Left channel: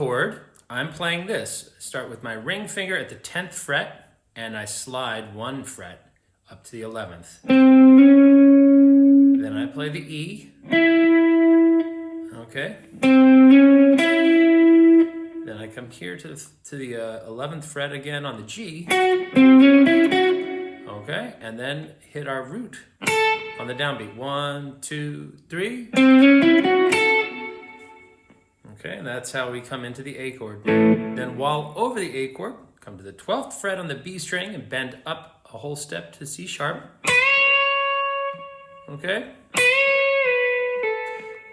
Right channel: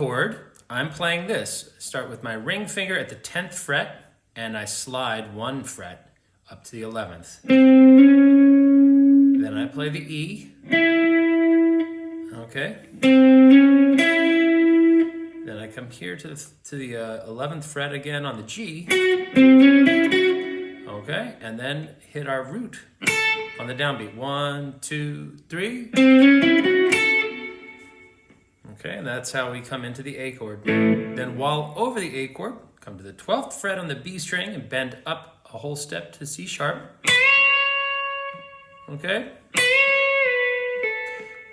chord, I'm playing this. Start with my ring finger at the 10th fret, and I slide 1 fret up to the 11th. Then I play the E. Okay. Then I come here to the 11th fret again on the G. Okay, and then hit our root on the downbeat. 1, 2, 3. Okay, and that's how we come into the A chord. Then while over the A chord, come to the 12th fret on the B string and bend up a whole step to C sharp. Okay.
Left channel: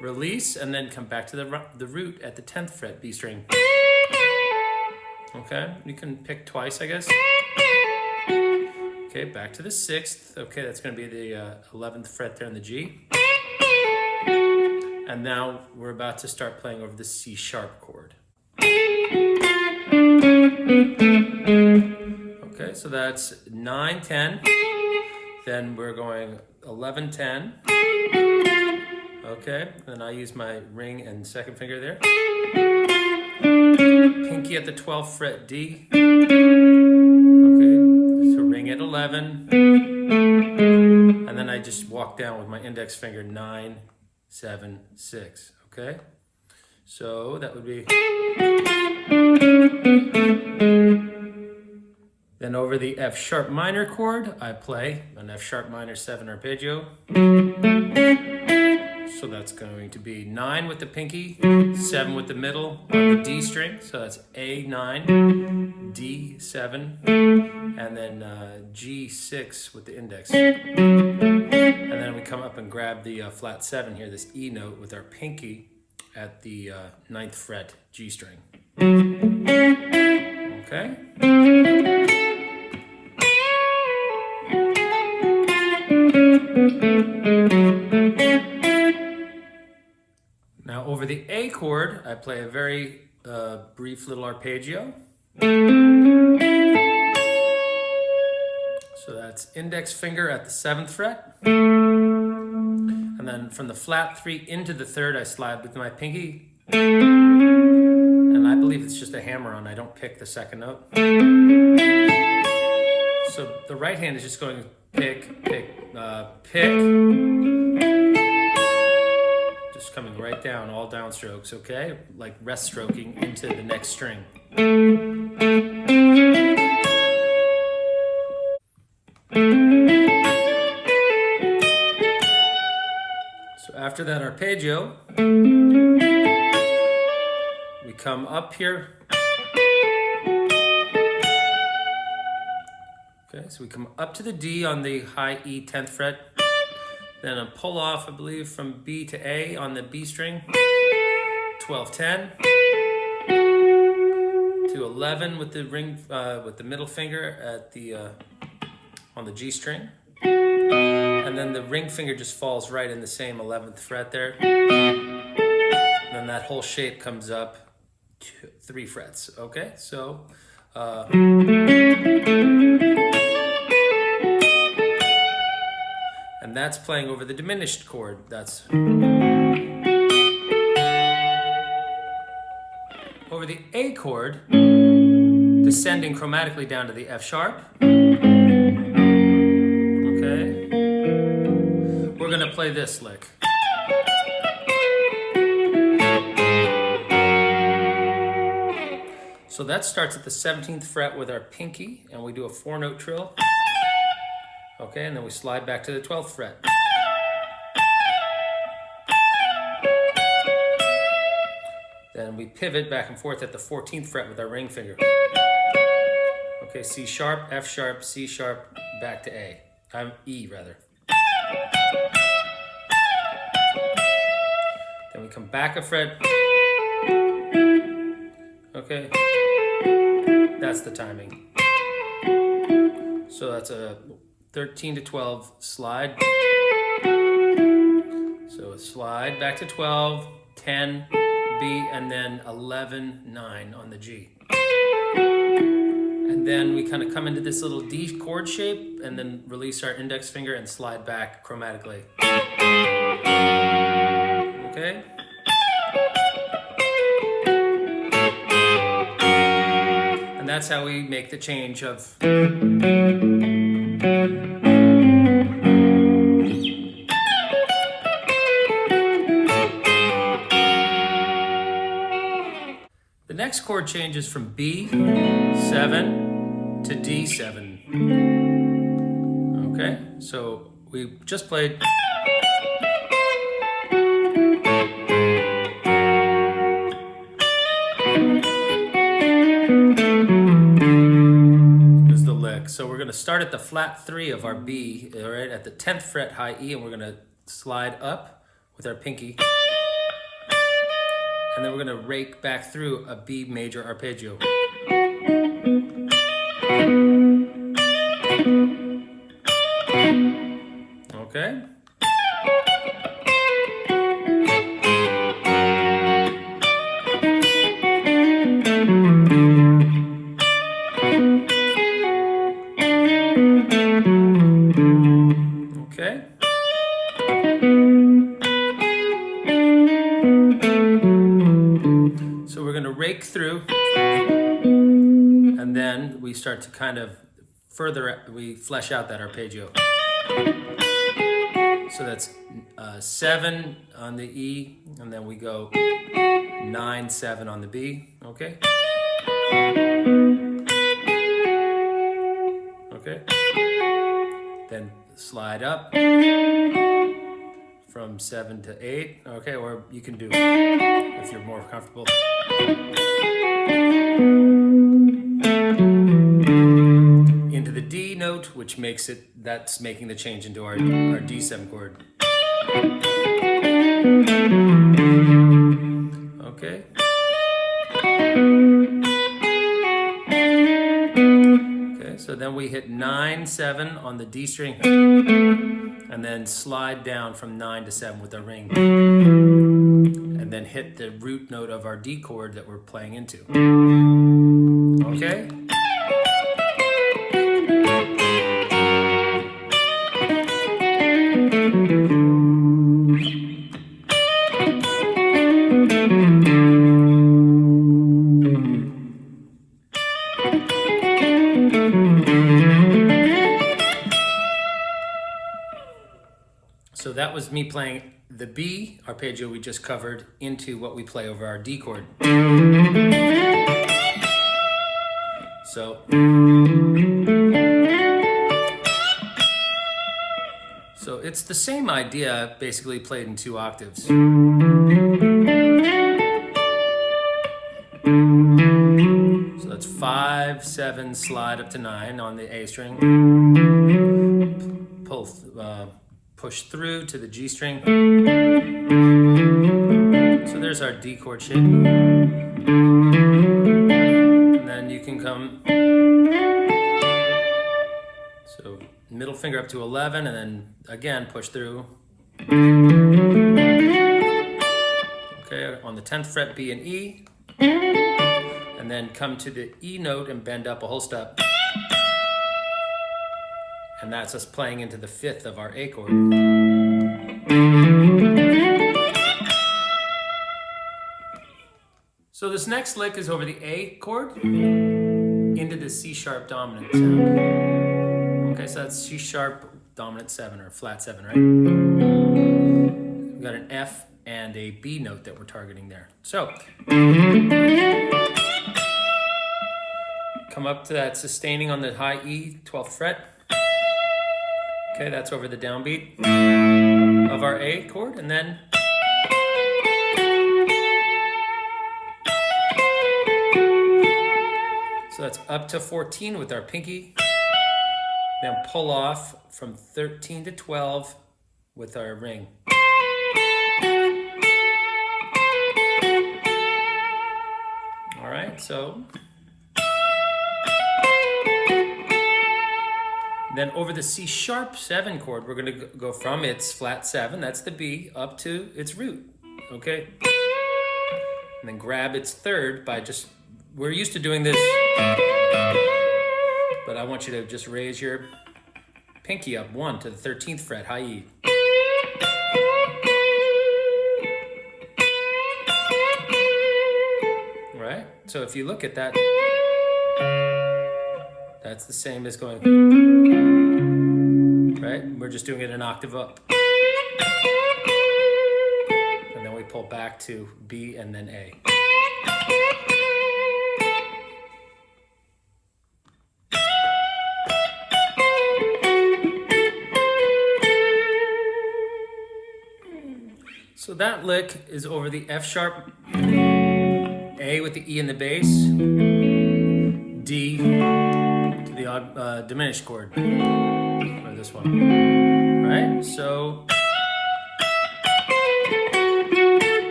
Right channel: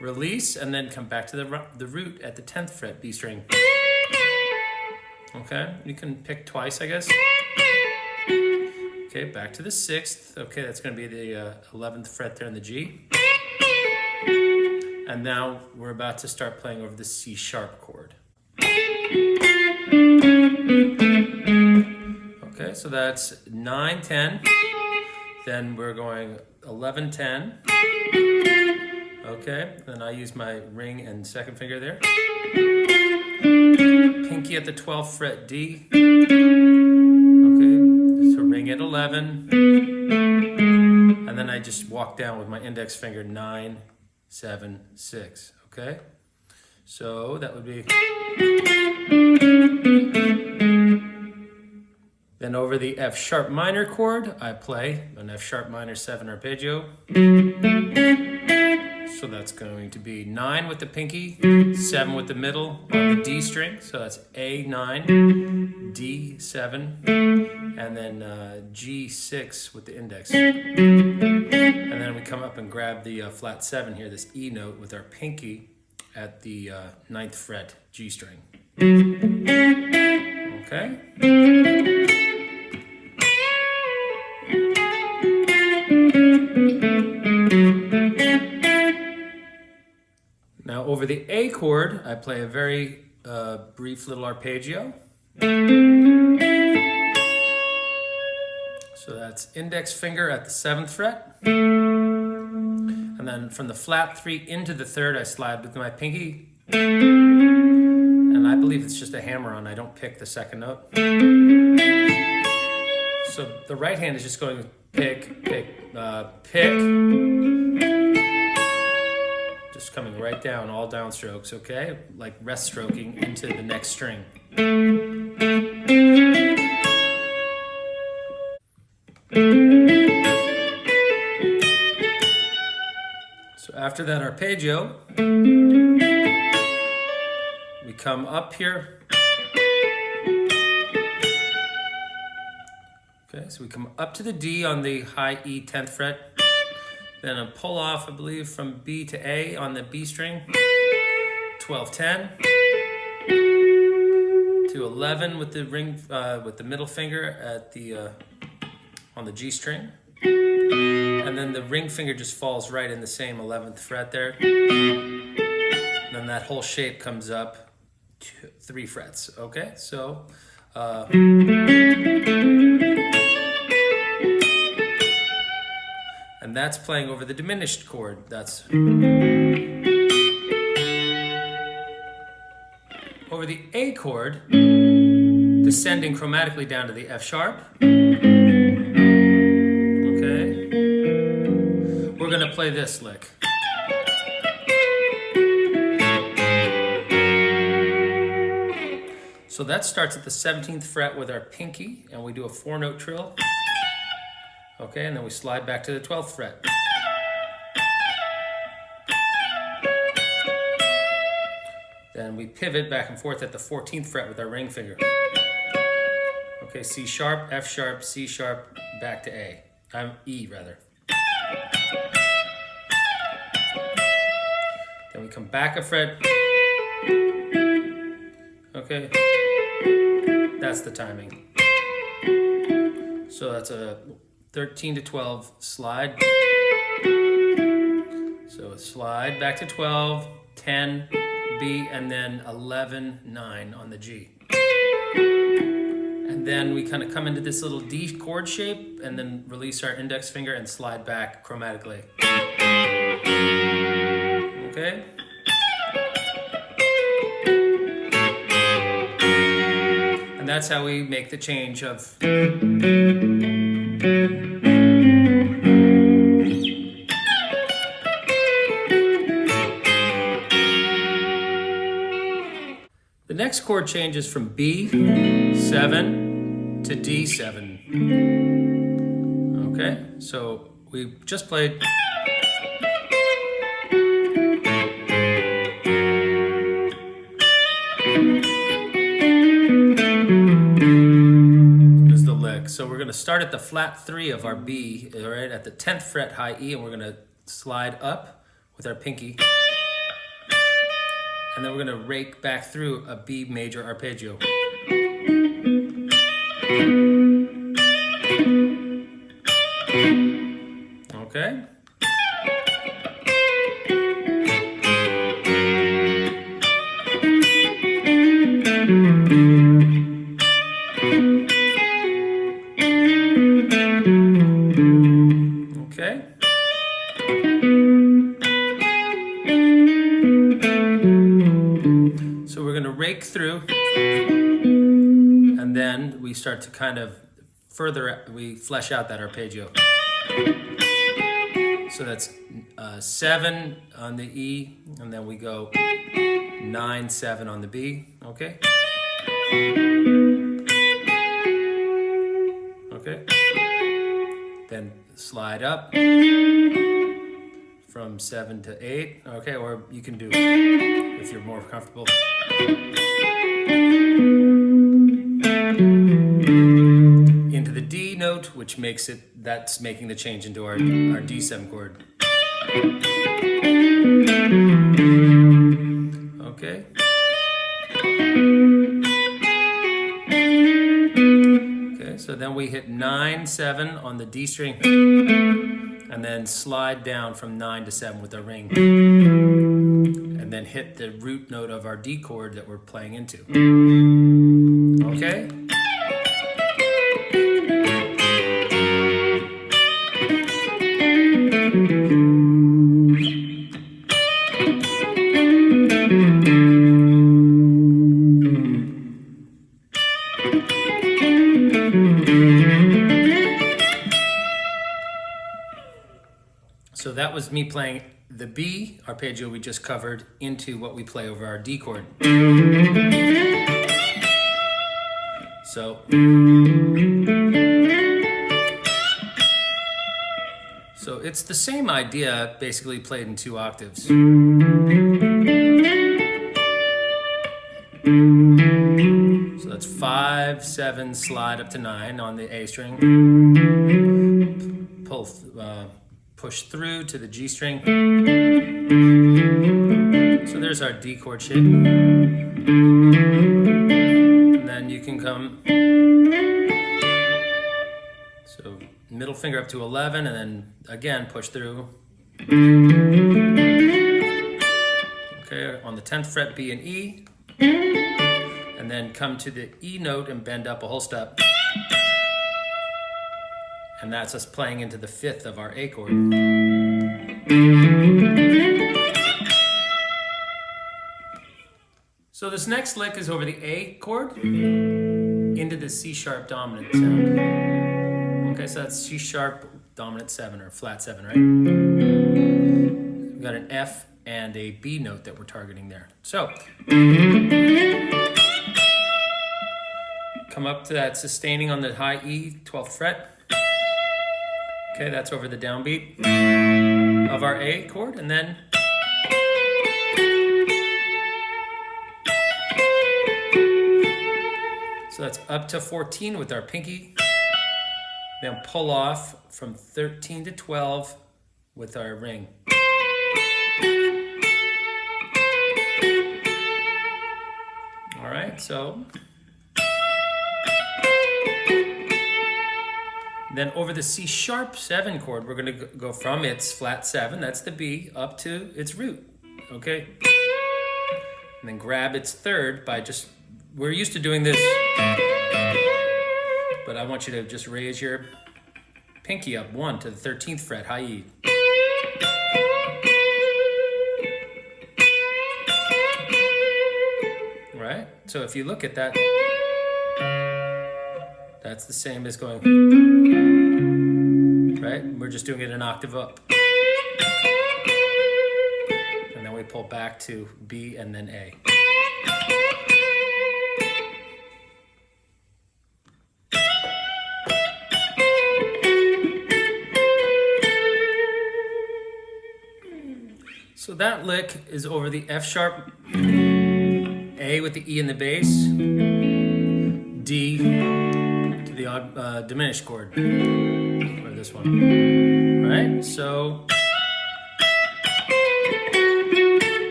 Release, and then come back to the root at the 10th fret, B string. Okay, you can pick twice, I guess. Okay, back to the 6th. Okay, that's going to be the 11th fret there in the G. And now we're about to start playing over the C sharp chord. Okay, so that's 9, 10. Then we're going 11, 10. Okay, then I use my ring and second finger there. Pinky at the 12th fret D. Okay, so ring at 11. And then I just walk down with my index finger 9, 7, 6. Okay, so that would be. Then over the F sharp minor chord, I play an F sharp minor 7 arpeggio. So that's going to be 9 with the pinky, 7 with the middle on the D string. So that's A9, D7, and then G6 with the index. And then we come up and grab the flat 7 here, this E note with our pinky at the 9th fret G string. Okay. Now over the A chord, I play a very brief little arpeggio. So that's index finger at the 7th fret. And then from the flat 3 into the 3rd, I slide with my pinky. And I believe it's just a hammer-on. I don't pick the second note. So the right hand is just going to pick. Just coming right down, all downstrokes, okay? Like rest stroking into the next string. So after that arpeggio, we come up here. Okay, so we come up to the D on the high E 10th fret. Then a pull off, I believe, from B to A on the B string. 12, 10. To 11 with the ring, with the middle finger at the on the G string. And then the ring finger just falls right in the same 11th fret there. And then that whole shape comes up 3 frets. Okay, so. And that's playing over the diminished chord. That's over the A chord, descending chromatically down to the F sharp. Okay. We're gonna play this lick. So that starts at the 17th fret with our pinky, and we do a 4-note trill. Okay, and then we slide back to the 12th fret. Then we pivot back and forth at the 14th fret with our ring finger. Okay, C sharp, F sharp, C sharp, back to A. E rather. Then we come back a fret. Okay, that's the timing. So that's a 13 to 12 slide. So slide back to 12, 10, B, and then 11, 9 on the G. And then we kind of come into this little D chord shape and then release our index finger and slide back chromatically. Okay? And that's how we make the change of the next chord changes from B7 to D7. Okay, so we just played. This is the lick. So we're going to start at the flat 3 of our B, all right, at the 10th fret high E, and we're going to slide up with our pinky. And then we're going to rake back through a B major arpeggio. Okay? Okay? So we're going to rake through, and then we start to kind of we flesh out that arpeggio. So that's 7 on the E, and then we go 9, 7 on the B, okay? Okay. Then slide up from 7 to 8, okay, or you can do if you're more comfortable. Into the D note, which makes that's making the change into our D7 chord. Okay. Okay, so then we hit 9, 7 on the D string, and then slide down from 9 to 7 with our ring, and then hit the root note of our D chord that we're playing into. Okay? So that was me playing the B arpeggio we just covered into what we play over our D chord. So it's the same idea, basically played in 2 octaves. So that's 5, 7, slide up to 9 on the A string. Push through to the G string. So there's our D chord shape. And then you can come, so middle finger up to 11, and then again push through. Okay, on the 10th fret B and E. And then come to the E note and bend up a whole step. And that's us playing into the 5th of our A chord. So this next lick is over the A chord into the C sharp dominant sound. Okay, so that's C sharp dominant 7 or flat 7, right? We've got an F and a B note that we're targeting there. So come up to that sustaining on the high E, 12th fret. Okay, that's over the downbeat of our A chord, and then so that's up to 14 with our pinky, then pull off from 13 to 12 with our ring. All right, so then over the C sharp 7 chord, we're going to go from its flat 7, that's the B, up to its root, okay? And then grab its 3rd by just, we're used to doing this, but I want you to just raise your pinky up 1 to the 13th fret, high E. All right, so if you look at that, That's the same as going, right? We're just doing it an octave up. And then we pull back to B and then A. So that lick is over the F sharp, A with the E in the bass, D to the diminished chord for this one, right? So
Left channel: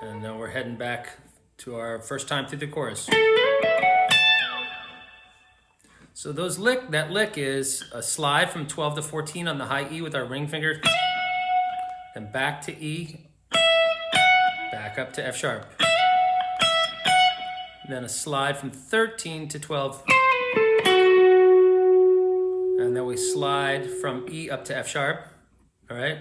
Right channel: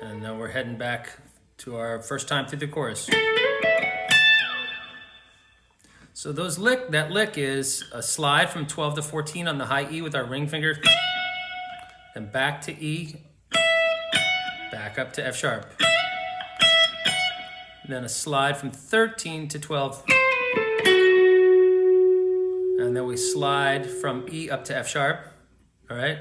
and then we're heading back to our first time through the chorus. So that lick is a slide from 12 to 14 on the high E with our ring finger. Then back to E, back up to F sharp. Then a slide from 13 to 12. And then we slide from E up to F sharp, all right?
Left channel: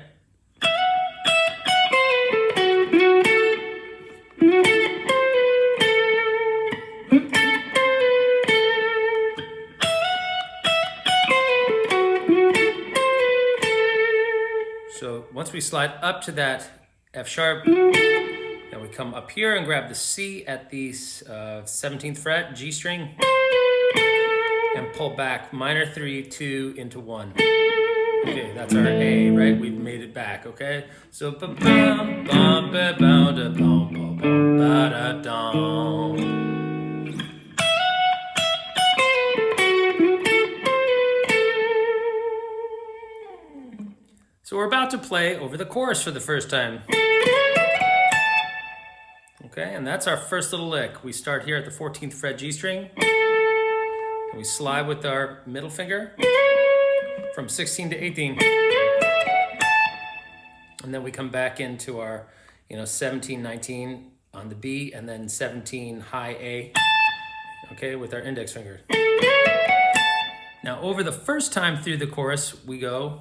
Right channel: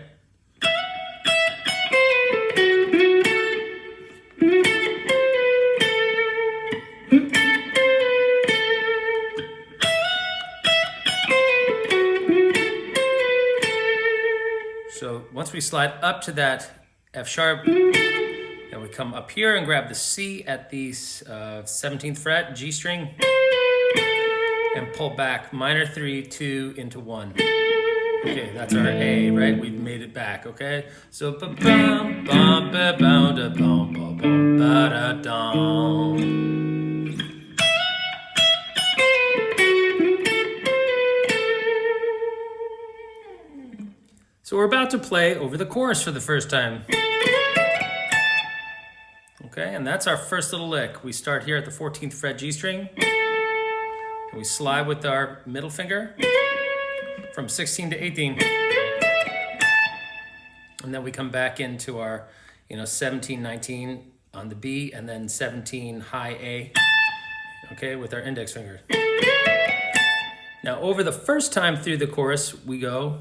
So once we slide up to that F sharp, then we come up here and grab the C at the 17th fret, G string, and pull back minor 3, 2 into 1. Okay, that's our A, right? We've made it back, okay? So ba bum bum ba bum da bum bum bum ba da dum. So we're about to play over the chorus for the first time. Okay, and that's our first little lick. We start here at the 14th fret G string, and we slide with our middle finger from 16 to 18. And then we come back into our, 17, 19 on the B, and then 17 high A, okay, with our index finger. Now over the first time through the chorus, we go.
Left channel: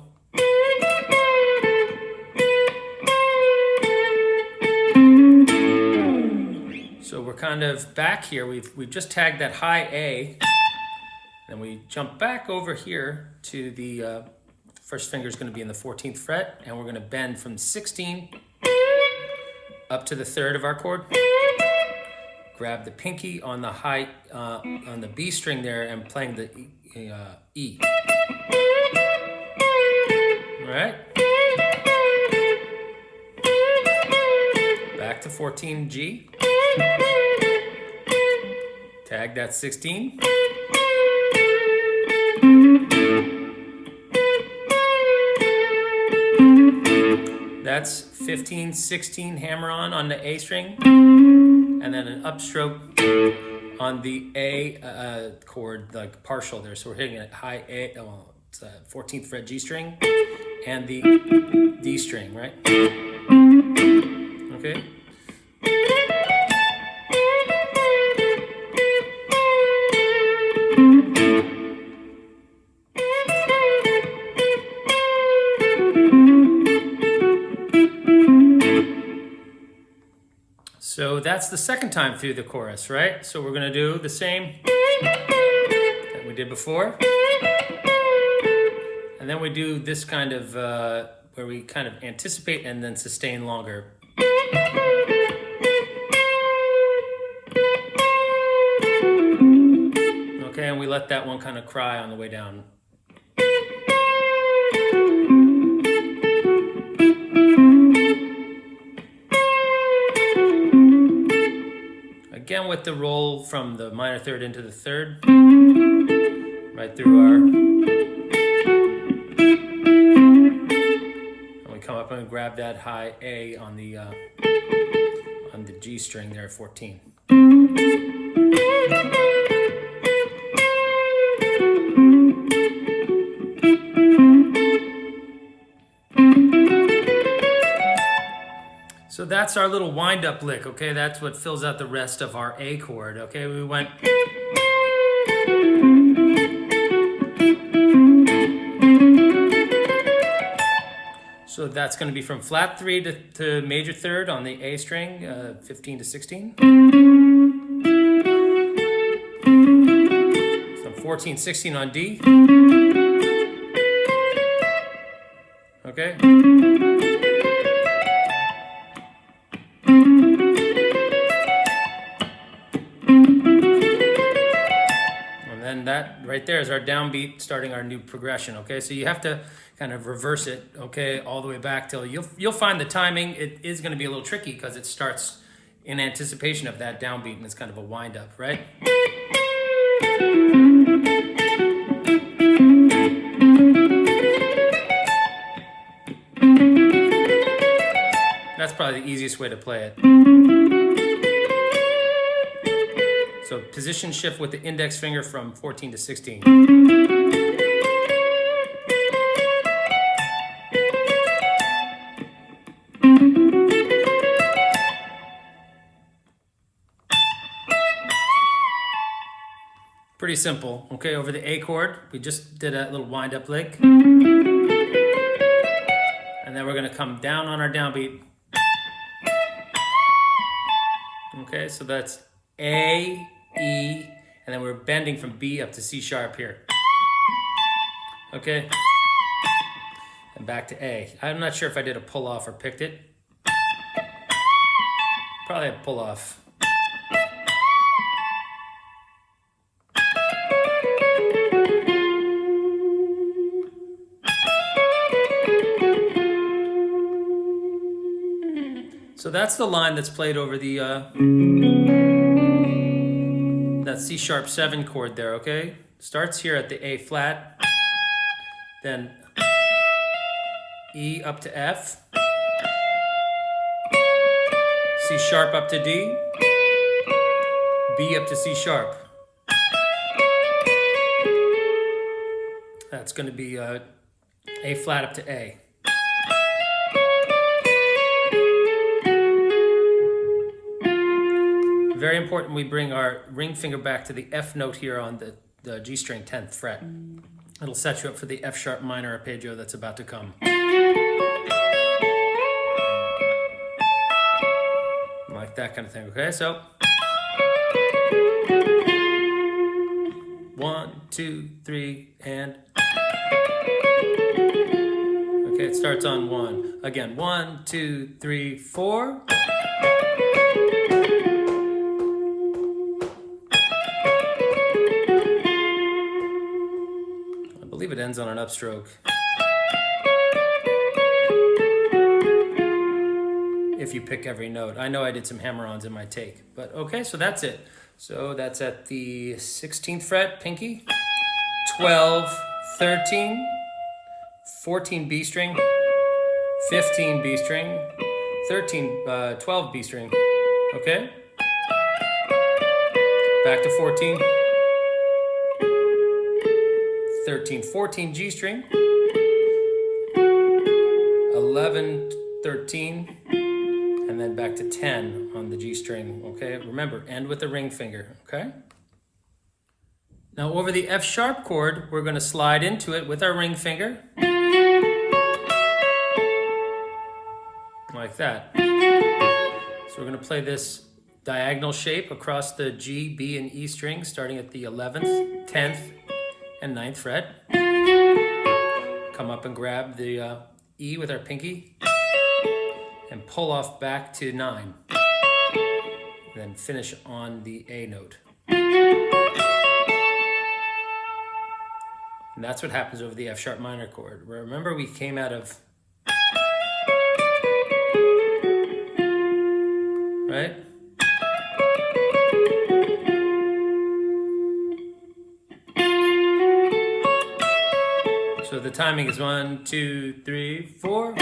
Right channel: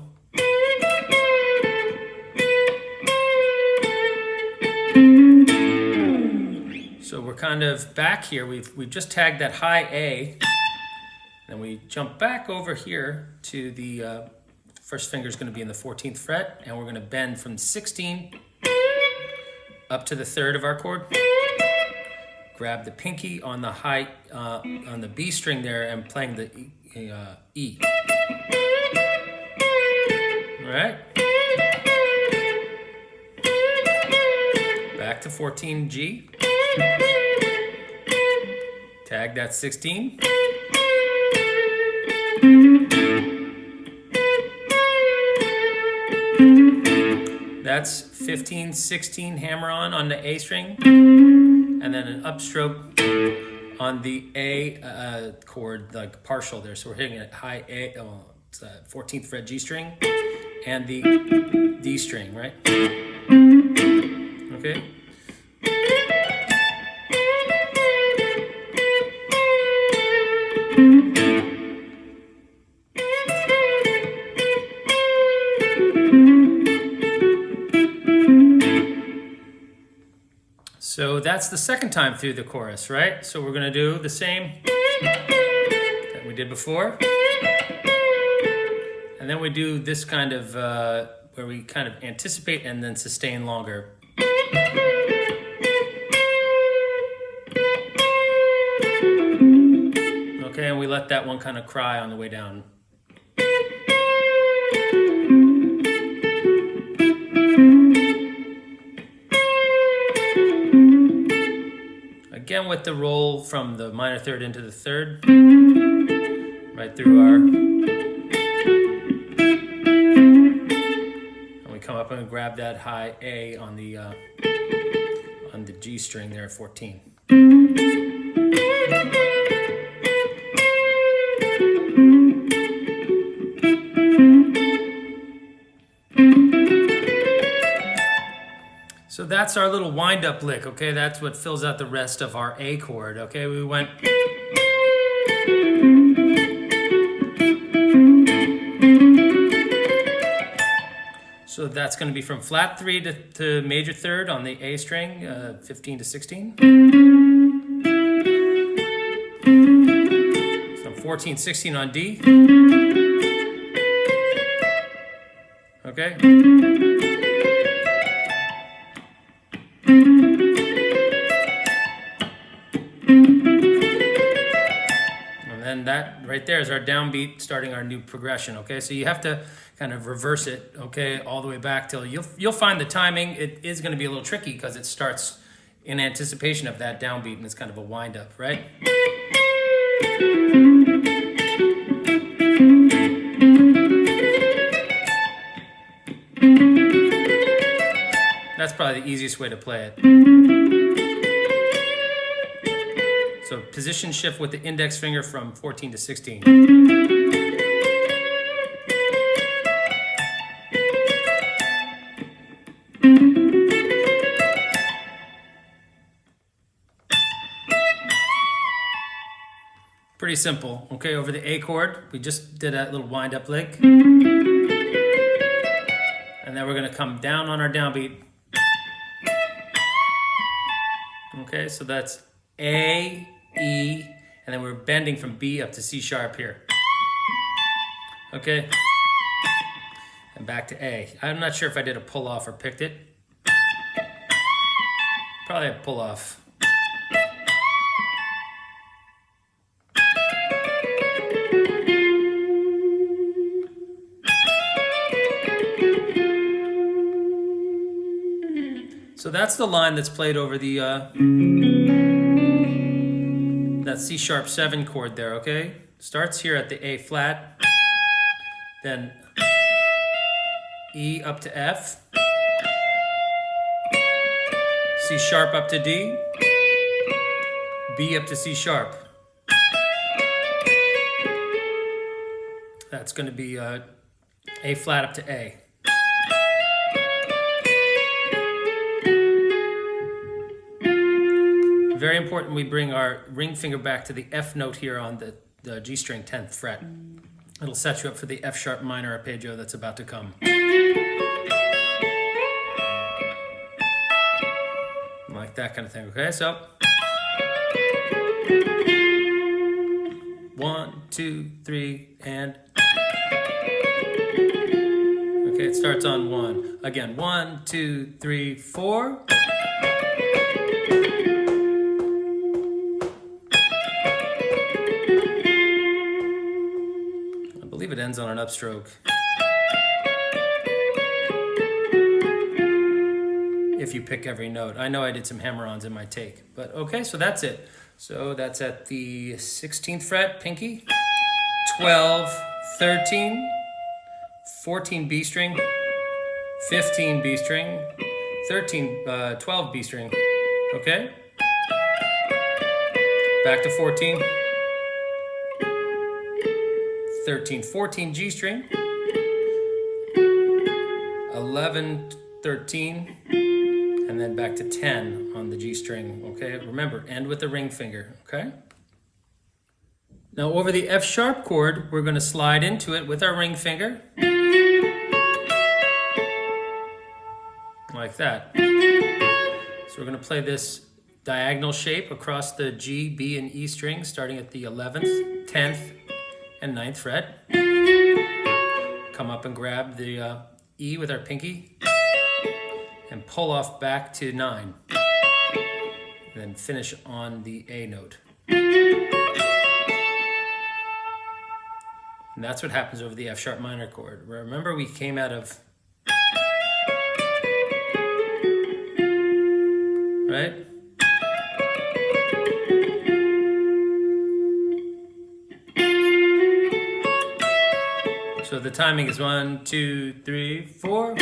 So we're kind of back here. We've just tagged that high A, and we jump back over here to the first finger is going to be in the 14th fret, and we're going to bend from 16 up to the 3rd of our chord. Grab the pinky on the high on the B string there, and playing the E. All right. Back to 14 G. Tag that 16. That's 15, 16 hammer on the A string, and then an upstroke on the A chord, like partial there. So we're hitting a high A, it's a 14th fret G string, and the D string, right? Okay. So that's the second time through the chorus, right? So we're going to do the same that we did before. And then we do this kind of, where we kind of anticipate and then sustain longer. Okay, and we let that one kind of cry on the way down. Again with the roll from the minor 3rd into the 3rd, right through our, and we come up and grab that high A on the G string there at 14. So that's our little wind-up lick, okay? That's what fills out the rest of our A chord, okay? We went... So that's going to be from flat 3 to major 3rd on the A string, 15 to 16. 14, 16 on D. Okay. And then that right there is our downbeat starting our new progression, okay? So you have to kind of reverse it, okay, all the way back till you'll find the timing. It is going to be a little tricky because it starts in anticipation of that downbeat and it's kind of a wind up, right? That's probably the easiest way to play it. So position shift with the index finger from 14 to 16. Pretty simple, okay? Over the A chord, we just did a little wind up lick. And then we're gonna come down on our downbeat. Okay, so that's A, E, and then we're bending from B up to C sharp here. Okay? And back to A. I'm not sure if I did a pull off or picked it. Probably a pull off. So that's the line that's played over the that C sharp 7 chord there, okay? Starts here at the A flat, then E up to F, C sharp up to D, B up to C sharp. That's going to be A flat up to A. Very important we bring our ring finger back to the F note here on the G string 10th fret. It'll set you up for the F sharp minor arpeggio that's about to come. Like that kind of thing, okay? So 1, 2, 3, and okay, it starts on 1. Again, 1, 2, 3, 4. I believe it ends on an upstroke. If you pick every note. I know I did some hammer-ons in my take, but okay, so that's it. So that's at the 16th fret, pinky, 12, 13, 14 B string, 15 B string, 12 B string, okay? Back to 14, 13, 14 G string, 11, 13, and then back to 10 on the G string, okay? Remember, end with the ring finger, okay? Now over the F sharp chord, we're gonna slide into it with our ring finger. Like that. So we're gonna play this diagonal shape across the G, B, and E strings, starting at the 11th, 10th, and 9th fret. Come up and grab the E with our pinky and pull off back to 9. Then finish on the A note. And that's what happens over the F sharp minor chord. Remember, we came out of, right? So the timing is 1, 2, 3, 4.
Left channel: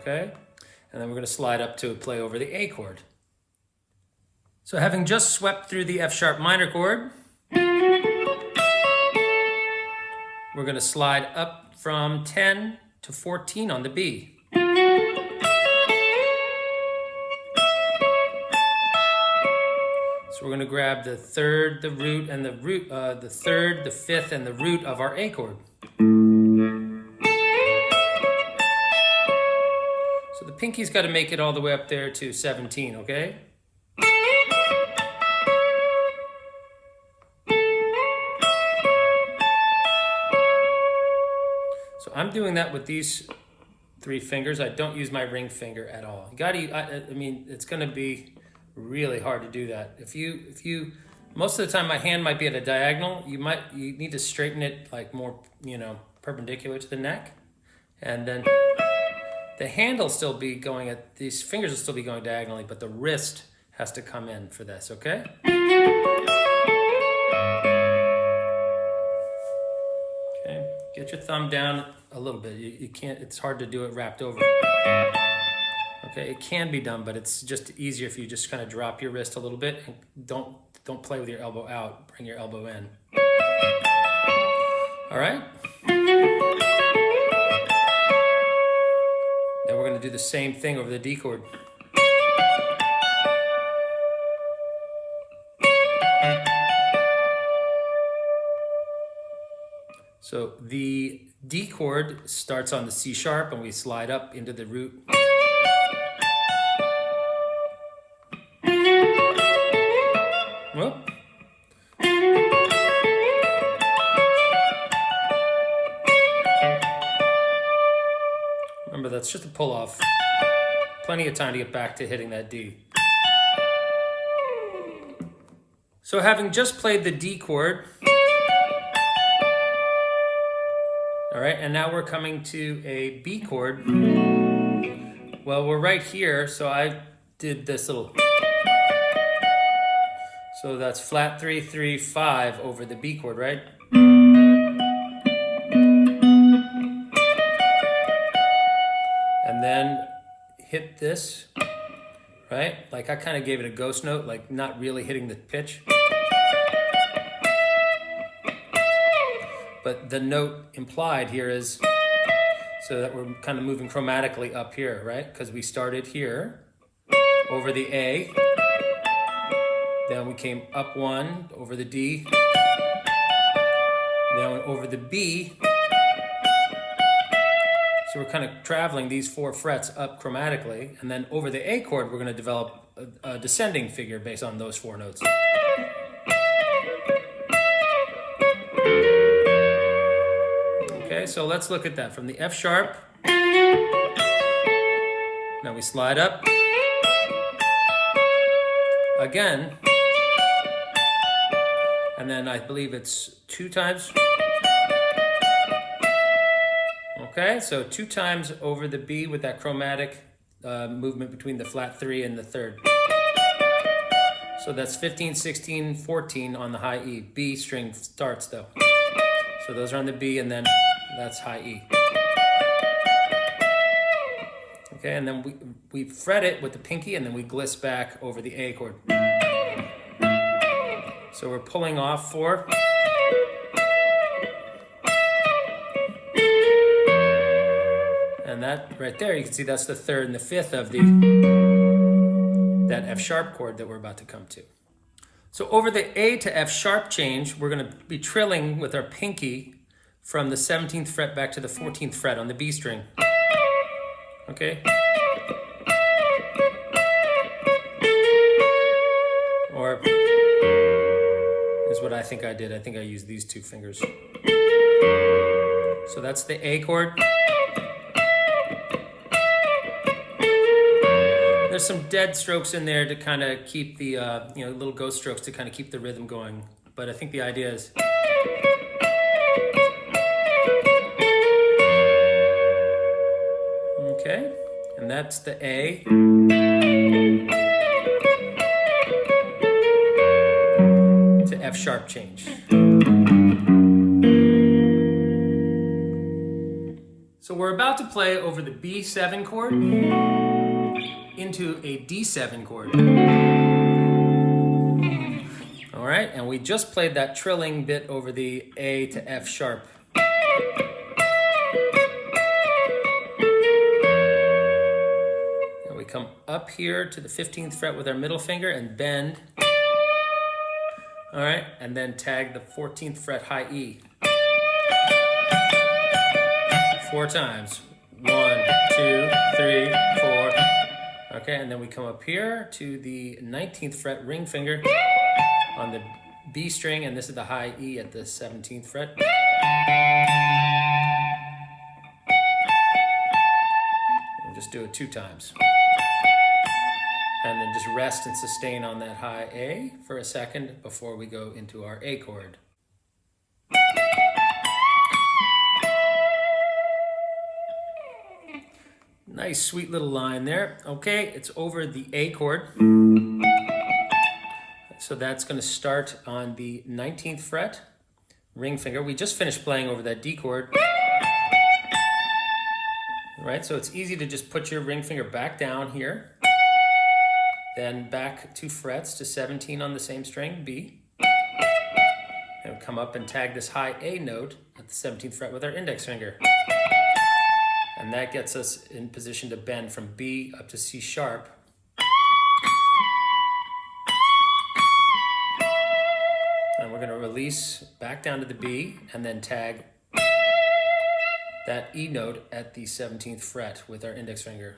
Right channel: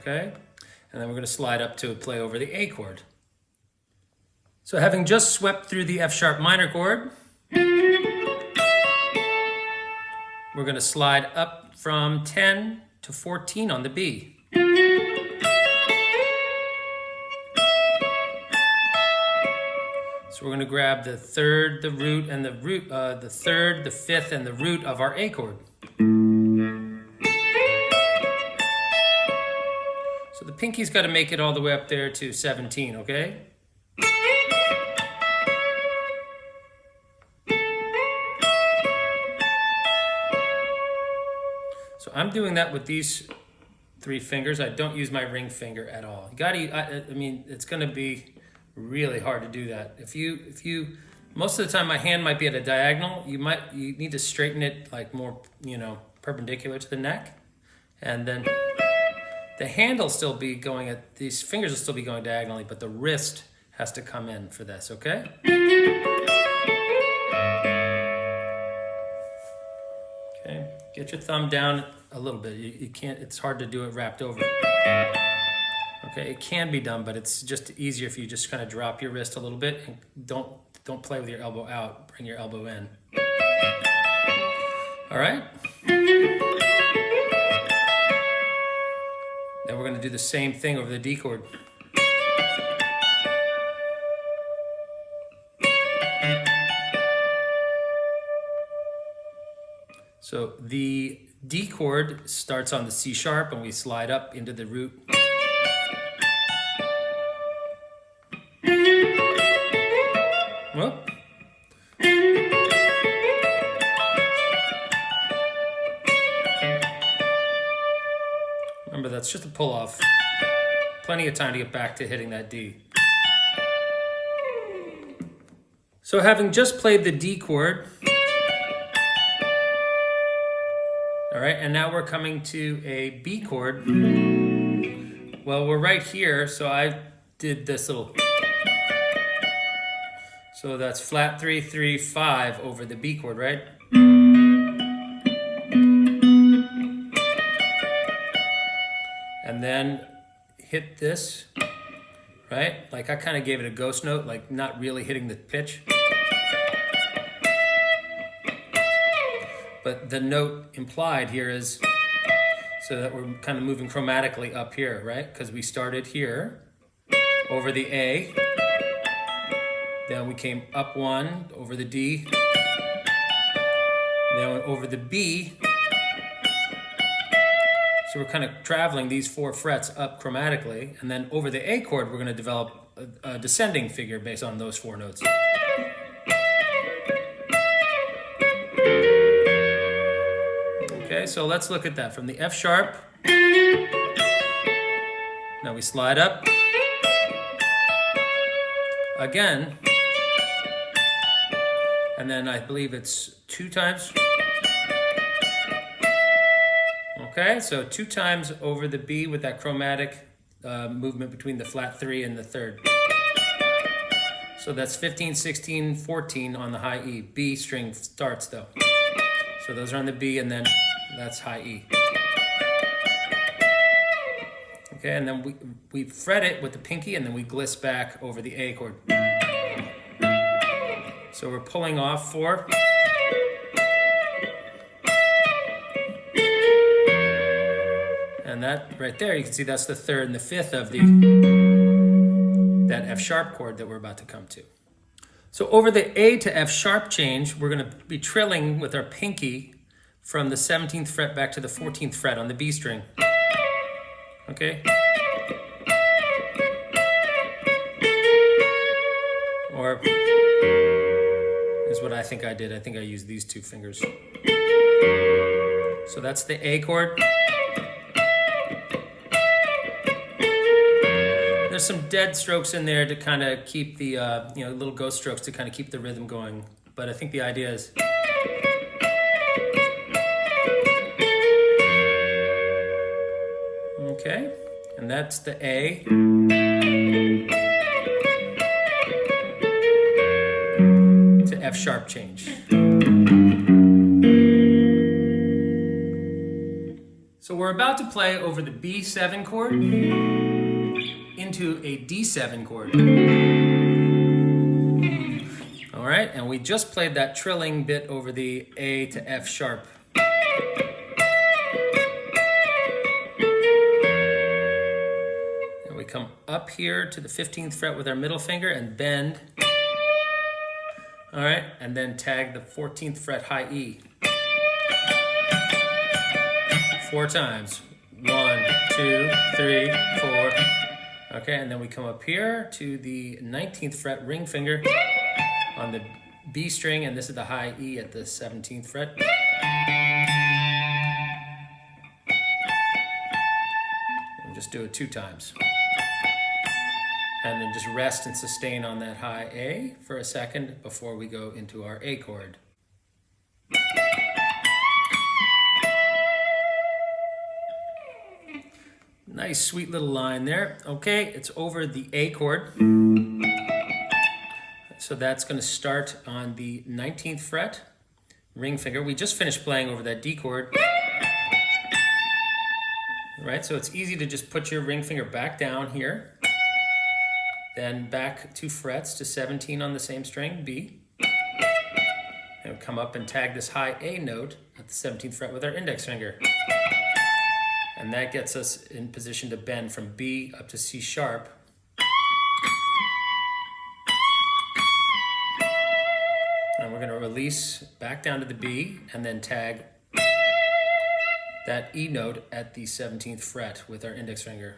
Okay, and then we're going to slide up to play over the A chord. So having just swept through the F sharp minor chord, we're going to slide up from 10 to 14 on the B. So we're going to grab the third, the root, and the root, the third, the fifth, and the root of our A chord. So the pinky's got to make it all the way up there to 17, okay? So I'm doing that with these 3 fingers. I don't use my ring finger at all. You gotta, I mean, it's gonna be really hard to do that. If you, most of the time my hand might be at a diagonal. You need to straighten it like more, you know, perpendicular to the neck. And then the hand will still be going at, these fingers will still be going diagonally, but the wrist has to come in for this, okay? Okay, get your thumb down a little bit. You can't, it's hard to do it wrapped over. Okay, it can be done, but it's just easier if you just kind of drop your wrist a little bit and don't play with your elbow out, bring your elbow in. All right? Then we're gonna do the same thing over the D chord. So the D chord starts on the C sharp and we slide up into the root. Whoop. Remember, that's just a pull off. Plenty of time to get back to hitting that D. So having just played the D chord, all right, and now we're coming to a B chord. Well, we're right here, so I did this little, so that's flat 3, 3, 5 over the B chord, right? And then hit this, right? Like I kind of gave it a ghost note, like not really hitting the pitch. But the note implied here is so that we're kind of moving chromatically up here, right? Because we started here over the A, then we came up 1 over the D, then went over the B. So we're kind of traveling these 4 frets up chromatically, and then over the A chord, we're going to develop a descending figure based on those 4 notes. Okay, so let's look at that. From the F sharp, now we slide up. Again, and then I believe it's 2 times. Okay, so 2 times over the B with that chromatic movement between the flat 3 and the 3rd. So that's 15, 16, 14 on the high E. B string starts though. So those are on the B and then that's high E. Okay, and then we fret it with the pinky and then we gliss back over the A chord. So we're pulling off 4. And that right there, you can see that's the 3rd and the 5th of that F sharp chord that we're about to come to. So over the A to F sharp change, we're going to be trilling with our pinky from the 17th fret back to the 14th fret on the B string. Okay? Or is what I think I did. I think I used these 2 fingers. So that's the A chord. There's some dead strokes in there to kind of keep the, little ghost strokes to kind of keep the rhythm going. But I think the idea is, okay, and that's the A. To F sharp change. So we're about to play over the B7 chord into a D7 chord. All right, and we just played that trilling bit over the A to F sharp. And we come up here to the 15th fret with our middle finger and bend. All right, and then tag the 14th fret high E. 4 times. 1, 2, 3, 4. Okay, and then we come up here to the 19th fret ring finger on the B string, and this is the high E at the 17th fret. And just do it 2 times. And then just rest and sustain on that high A for a second before we go into our A chord. Nice, sweet little line there. Okay, it's over the A chord. So that's going to start on the 19th fret, ring finger. We just finished playing over that D chord. Right, so it's easy to just put your ring finger back down here, then back 2 frets to 17 on the same string, B. And come up and tag this high A note at the 17th fret with our index finger. And that gets us in position to bend from B up to C sharp. And we're going to release back down to the B and then tag that E note at the 17th fret with our index finger.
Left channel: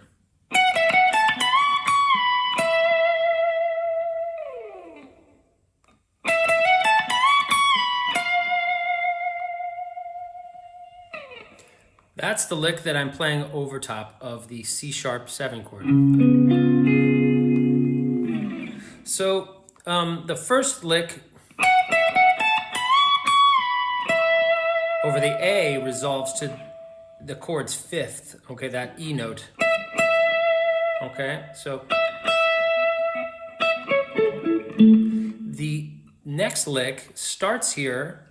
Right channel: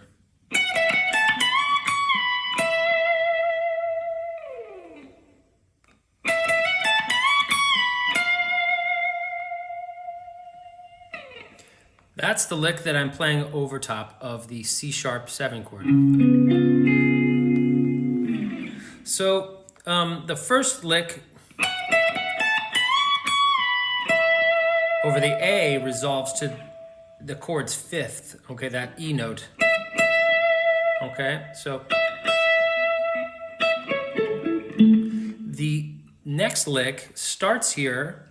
That's the lick that I'm playing over top of the C sharp 7 chord. So the first lick over the A resolves to the chord's 5th, okay, that E note. Okay, so the next lick starts here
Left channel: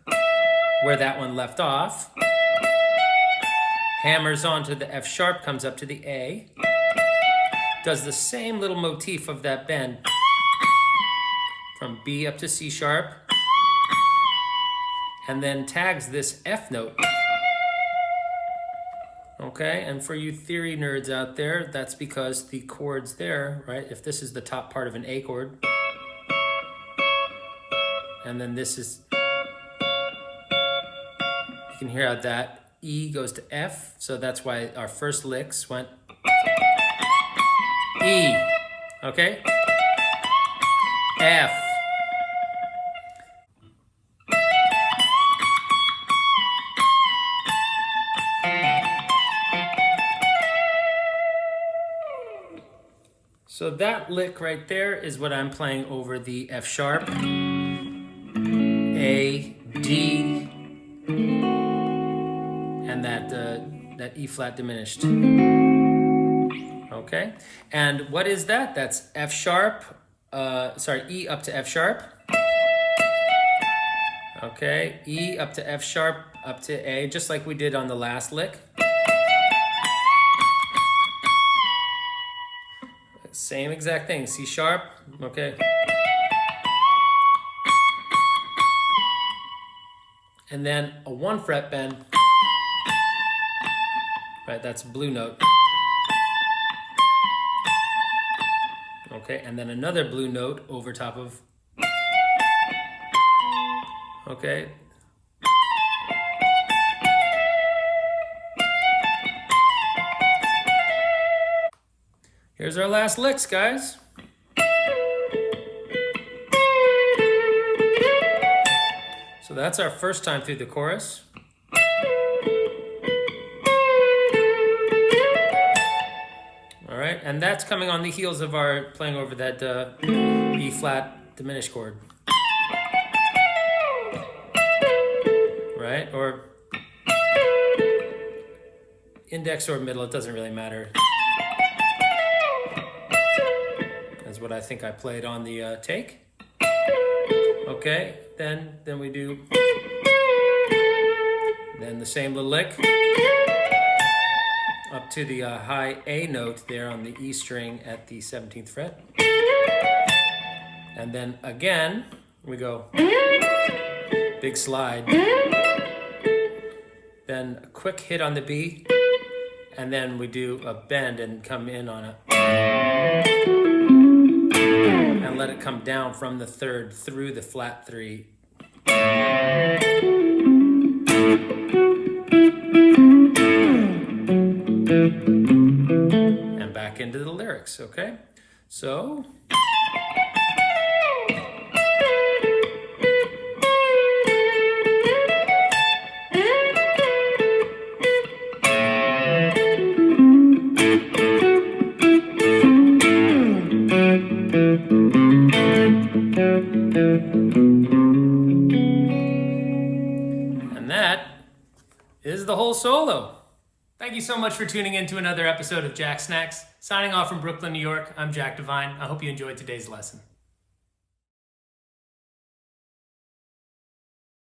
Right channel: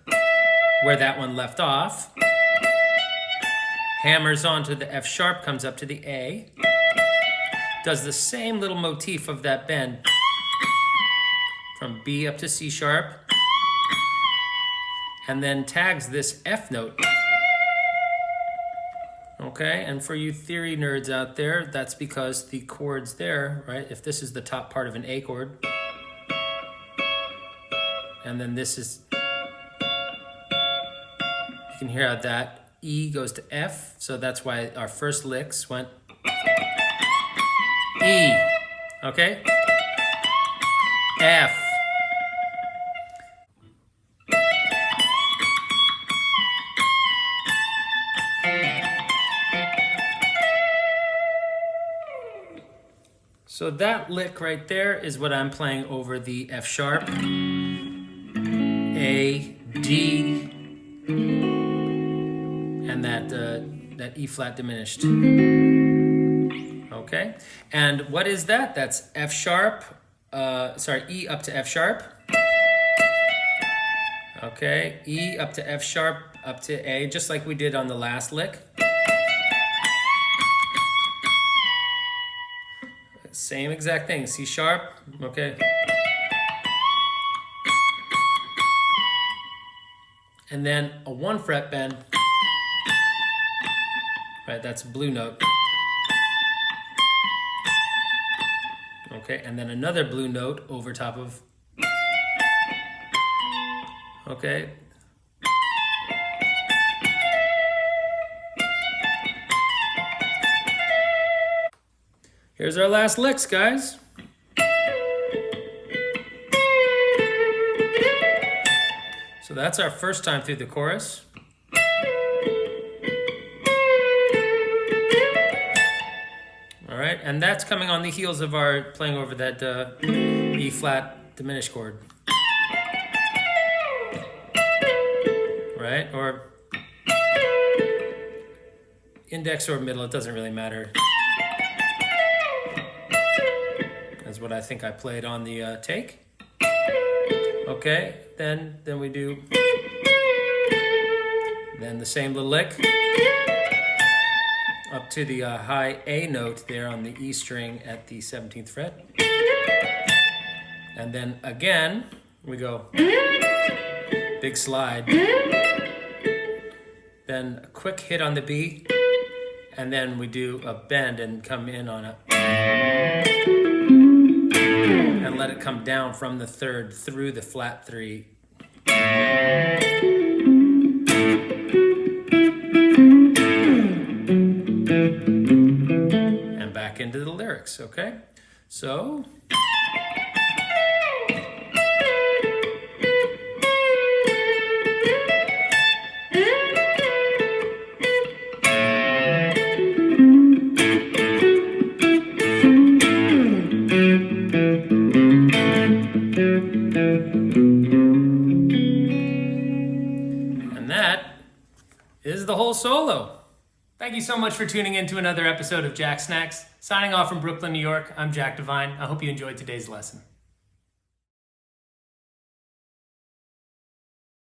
where that one left off, hammers onto the F sharp, comes up to the A, does the same little motif of that bend from B up to C sharp, and then tags this F note. Okay, and for you theory nerds out there, that's because the chords there, right, if this is the top part of an A chord, and then this is, you can hear how that E goes to F, so that's why our first licks went E, okay? F. So that lick right there is what I'm playing over the F sharp, A, D, and that E flat diminished. Okay, and what is that? That's F sharp, E up to F sharp. Okay, E up to F sharp, up to A, just like we did on the last lick. Same exact thing, C sharp, okay. And then a 1 fret bend, right, that's blue note. Okay, and then another blue note over top of, okay. Here's our last licks, guys. So that's our first time through the chorus. All right, and that's coming on the heels of our playing over that E flat diminished chord. Right, or index or middle, it doesn't really matter. That's what I think I played on the take. Okay, then we do the same little lick up to the high A note there on the E string at the 17th fret. And then again, we go big slide. Then a quick hit on the B, and then we do a bend and come in on a, and let it come down from the 3rd through the flat 3. back into the lyrics, okay? So... And that is the whole solo. Thank you so much for tuning in to another episode of Jacksnax. Signing off from Brooklyn, New York, I'm Jack Devine. I hope you enjoyed today's lesson.